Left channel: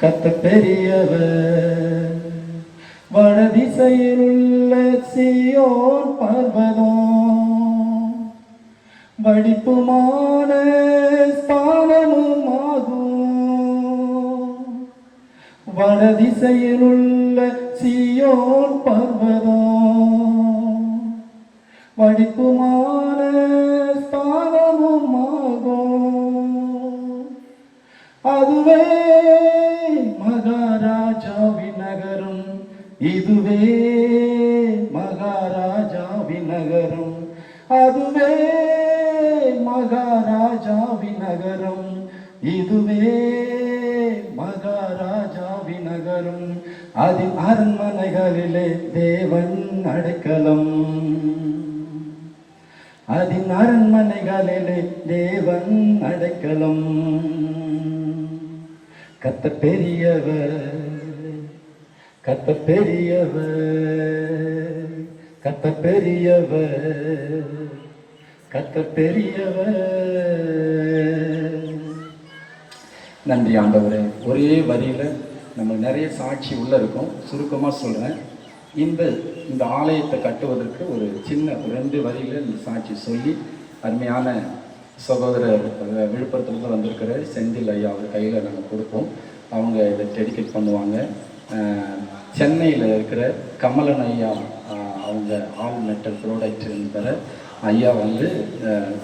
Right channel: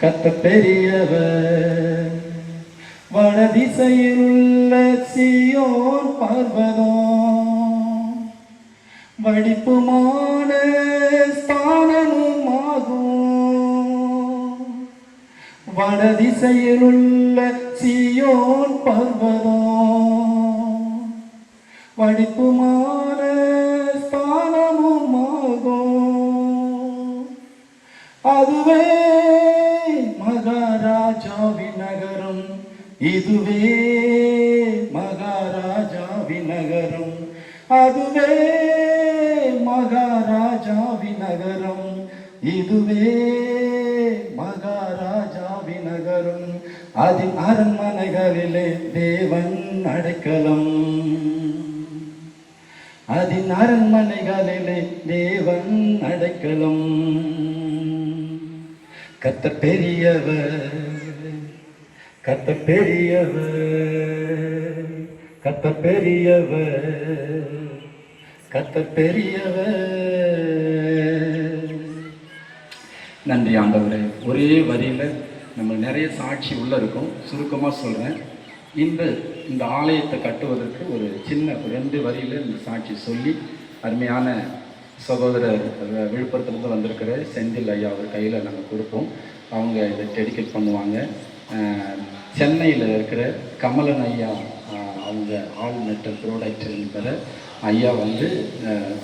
கத்த பெரியவர் வடதிசையில் உள்ள சீயோன் பர்வதம் வடிப்புமான ஸ்தானமும் ஆகும். வடதிசையில் உள்ள சீயோன் பர்வதம் வடிப்புமான ஸ்தானமும் ஆகும். அதுவே மகாராஜாவின் நகரம், இதுவே மகாராஜாவின் நகரம், அதுவே மகாராஜாவின் நகரம், இதுவே மகாராஜாவின் நகரம். அதின் அரண்மனைகளிலே தேவன் அடைக்கலம், அதின் அரண்மனைகளிலே தேவன் அடைக்கலம். கத்த பெரியவர், கத்த பெரியவர், கத்த பெரியவர், கத்த பெரியவர். நன்றி ஆண்டவரே. ஒரே வரியில் நம்ம நிறைய சாட்சி உள்ள இருக்கும். சுருக்கமாக சொல்கிறேன். இந்த ஆலயத்தை கட்டுவதற்கு ஒரு சின்ன 2 வரியில் இந்த சாட்சி சொல்லி அருமையான சகோதரர் விழுப்புரத்துலேருந்து வந்திருக்கிற செந்தில் ஐயா அவர் கையில் நம்ம கொடுப்போம். அவங்க இதை டெடிகேட் பண்ணுவாங்க. சென்னையில் இருக்கிற கமலன் ஐயா, அவங்க ஆல் மெட்டல் ப்ராடக்ட் என்பத ஐயா வந்து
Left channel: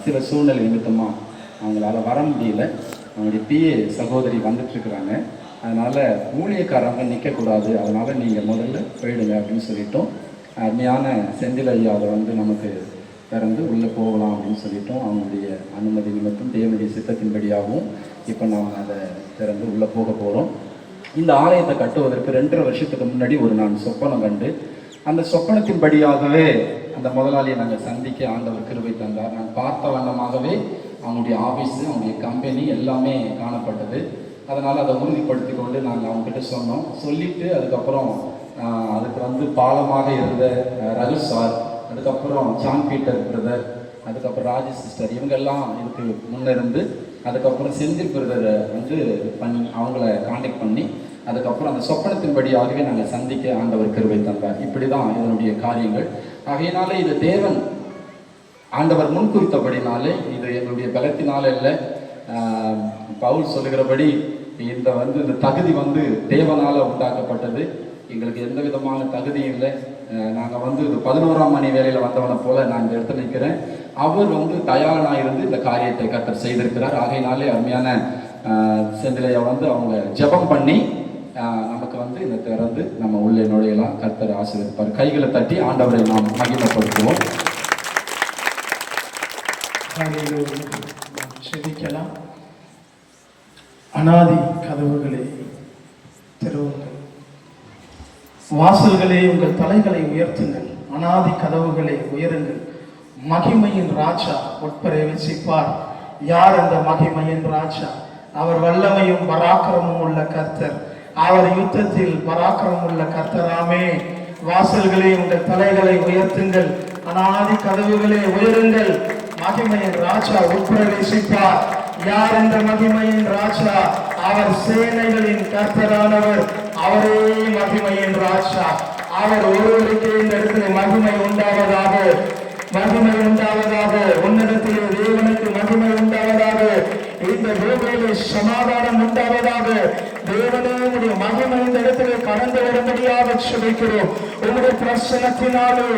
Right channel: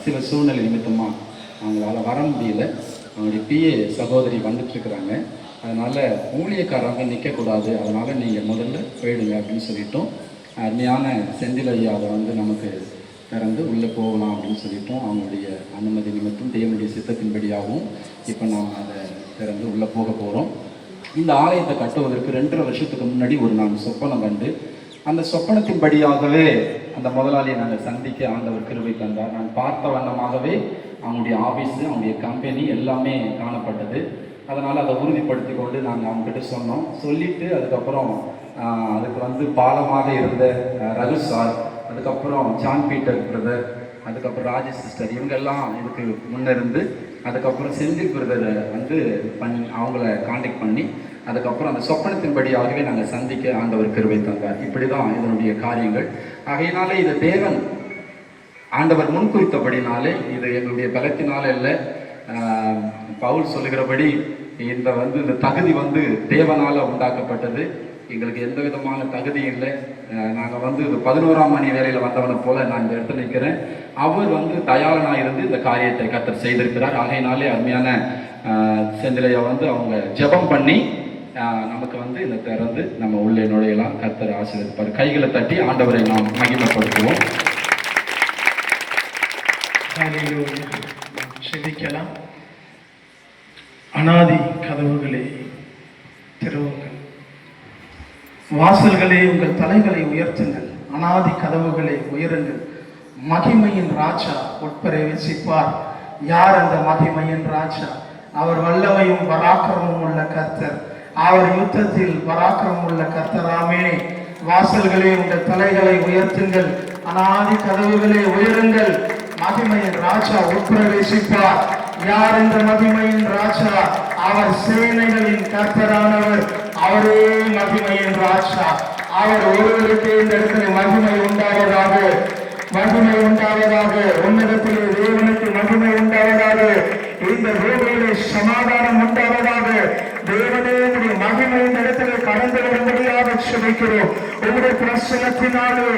சில சூழ்நிலை நிமித்தமாக அவங்களால வர முடியல. அவங்களுடைய பிஏ சகோதரி வந்துட்டுருக்குறாங்க. அதனால் ஊழியக்காரங்க நிற்கக்கூடாது, அதனால் நீங்கள் முதல்ல போயிடுங்க அப்படின்னு சொல்லிட்டோம். அருமையான செந்தில் ஐயா அதை வந்து நமக்கு திறந்து உள்ளே போகலாம் அப்படின்னு சொல்லிட்டோம். அவங்களுடைய அனுமதி நிமித்தம் தேவனுடைய சித்தத்தின்படியாகவும் இப்போ நாம் அதை திறந்து உள்ளே போக போகிறோம். இந்த ஆலயத்தை கட்டுவதற்கு 2.5 வருஷத்துக்கு முன்னாடி நான் சொப்பனம் கண்டு, அந்த சொப்பனத்தின்படியாகவே அந்த முதலாளியை நாங்கள் சந்திக்க ஆண்டவர் கிருபை தந்தார். நான் பார்த்த வண்ணமாகவே அவங்களுடைய ஆஃபீஸு, அவங்களுடைய கம்பெனி எல்லாமே காணப்பட்டது. அதனால் அதை உறுதிப்படுத்தி கொண்டு நாங்கள் அவங்ககிட்ட சொன்னோம். சொல்லிவிட்டு அதுக்கப்புறம் அதுக்கு வந்து பாலமாக இருந்த ரகு சார், அதுக்கப்புறம் ஜான் பீட்டர் பிரதர், அதுக்கப்புறம் ராஜேஷ் சிஸ்டர், இவங்கெல்லாம் இதுக்கு முன்னிருந்து அதுக்கப்புறம் செந்தில் பிரதரை வந்து அவங்கள காண்டாக்ட் பண்ணி அதுக்கப்புறம் அந்த சொப்பனத்தின்படியாகவே நாங்கள் சந்திக்க ஆண்டவர் கிருபை தந்தார். இப்படி தான் இதனுடைய காரியங்கள். ஆகையினாலே இது தேவன் ஆண்டவர் முன்குறித்தபடினாலே, இது எங்களுடைய பலத்தினால இல்லை. பவுல் சொல்லுகிறபடி இந்த தகுதி தேவனால் உண்டாக்கப்பட்டது. எங்களுக்கு எந்த விதமான தகுதி இல்லை. நாங்கள் இது 11ஆம் மணி வேலையில் வந்தவனை போல நான் இந்த இடத்துல நிற்கிறேன். அவர் தயாரனாக இருந்து இந்த காரியத்தை கர்த்தர் செய்திருக்கிறார். ஆகையினாலே அருமையான செந்திலையா அவங்க ஜெபம் பண்ணி நமக்கு இந்த திறந்து நம்ம உள்ளே நுழையலாம். கர்த்தர் ஆசீர்வதிப்பார். கைகளை தட்டி ஆண்டவரை நாம் மகிமைப்படுத்துவோம். செபிக்கலாம். அநாதி கதவுகளே திறவுங்கள், வாசல்களே உங்கள் தலைகளை உயர்த்துங்கள். அநாதி கதவுகளை உயருங்கள். மகிமையின் ராஜா உட்பிரவேசிப்பார். யார் அந்த மகிமையின் ராஜா? அவர் வல்லமையும் பராக்கிரமும் உள்ள கர்த்தர். அவர் யுத்தத்தில் பராக்கிரமம் உள்ள கர்த்தராமே. வாசல்களே உங்கள் தலைகளை உயர்த்துங்கள். அநாதி கதவுகளே உயருங்கள். மகிமையின் ராஜா உட்பிரவேசிப்பார். யார் என்ற மகிமையின் ராஜா? அவர் சேனைகளின் கர்த்தரானவர். அவரே மகிமையின் ராஜா. அவர் ஒருவருக்கு இந்த இடத்துல மகிமை உண்டாவதாக, மகிமை உண்டாவதாக. உன்னிடத்திலே தேவனுக்கு மகிமை உண்டாவதாக. இந்த பூமியிலே சமாதானம் உண்டாவதாக. தேவனே உடைய மகிமை இந்த இடத்துல கடந்து வரும்படியாக செபிக்கிறோம். உங்களுடைய பிரசனத்தினாலே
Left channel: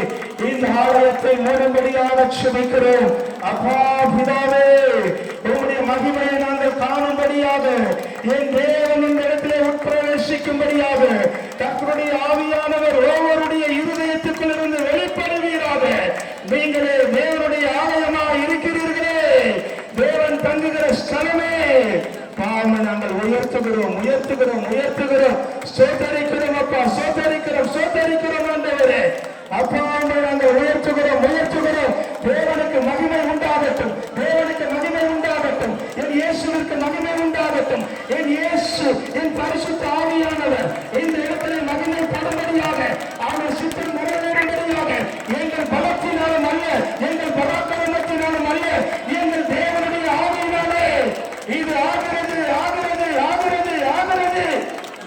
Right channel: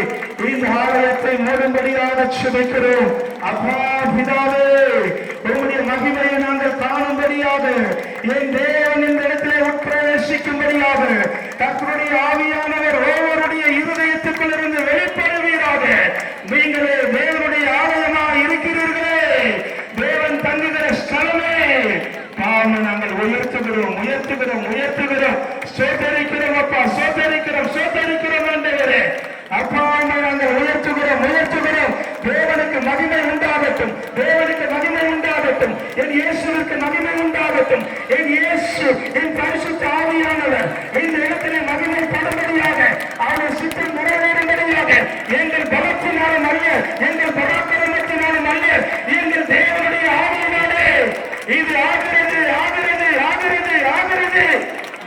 இந்த ஆலயத்தை மூடும்படியாக செபிக்கிறோம். அப்பா பிதாவே, உங்களுடைய மகிமையை நாங்கள் காணும்படியாக, என் தேவன் இந்த இடத்திலே உட்பிரவேசிக்கும்படியாக கர்த்தருடைய ஆவியானவர் ஒவ்வொருடைய இருதயத்துக்குள் இருந்து வெளிப்படுவீராக. நீங்களே தேவனுடைய ஆலயமாக இருக்கிறீர்களே, தேவன் தங்குகிற ஸ்தலமே. பாவம் நாங்கள் உயர்த்துகிறோம், உயர்த்துகிறோம், உயர்த்துகிறோம். சோதரிக்கிறோம் அப்பா, சோதரிக்கிறோம், சோதரிக்கிறோம் ஆண்டவரே. அப்பா நாங்கள் உயர்த்துகிறோம், உயர்த்துகிறோம். தேவனுக்கு மகிமை உண்டாகட்டும், தேவனுக்கு மகிமை உண்டாகட்டும். என் இயேசுவிற்கு மகிமை உண்டாகட்டும். என் இயேசு, என் பரிசுத்த ஆவியானவர் இந்த இடத்திலே மகிமை படும்படியாக, அவருடைய சித்தம் நிறைவேறும்படியாக, எங்கள் பலத்தினாலும் அல்ல, எங்கள் பராக்கிரமத்தினாலும் அல்ல, எங்கள் தேவனுடைய ஆவியினாலே இது ஆகிறது,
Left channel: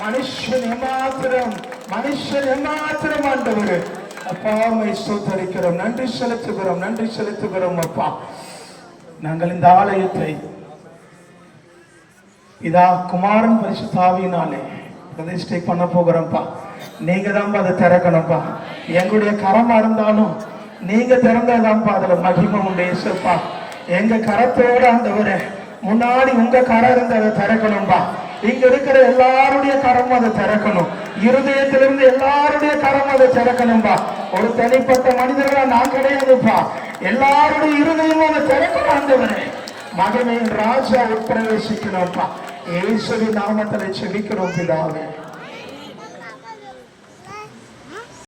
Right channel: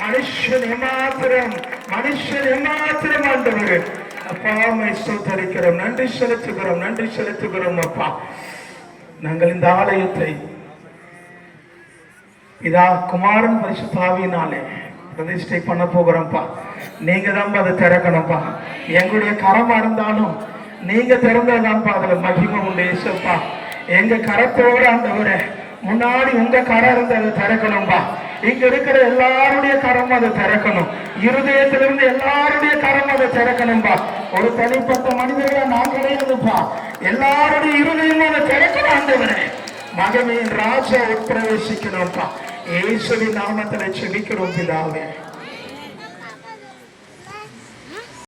மனுஷன் ஏமாத்திரம் ஆண்டவரே. அப்பா உம்மை ஸ்தோத்தரிக்கிறோம், நன்றி செலுத்துகிறோம் அப்பா. நாங்கள் இந்த ஆலயத்தை இதா குமாரன் பரிசுத்த ஆவியினாலே பிரதிஷ்டை பண்ண போகிறோம்ப்பா. நீங்க தான்ப்பா அதை திறக்கணும்ப்பா. எங்களுடைய கரமா இருந்தாலும் நீங்க திறந்தாதான்ப்பா அதுல மகிமை உண்டு இயேசுப்பா. எங்க கரத்தோட ஆண்டவரே முன்னாடி உங்க கரம் இருந்து அதை திறக்கணும்பா. இங்க இருக்கிற எல்லாருடைய கரம் அதை திறக்கணும். இருதயத்திலிருந்து எல்லாருடைய கரம் அதை திறக்கணும்பா. ஒரு தனிப்பட்ட மனிதர்களா நான் கிடையாதுப்பா. எல்லாருடைய இருதயமும் அதை திறக்கணும் ஆண்டவரே. மகிமையின் ராஜா உட்பிரவேசிக்கணும்ப்பா. இயேசுவின் நாமத்தில் செபிக்கிறோம் பிதாவே.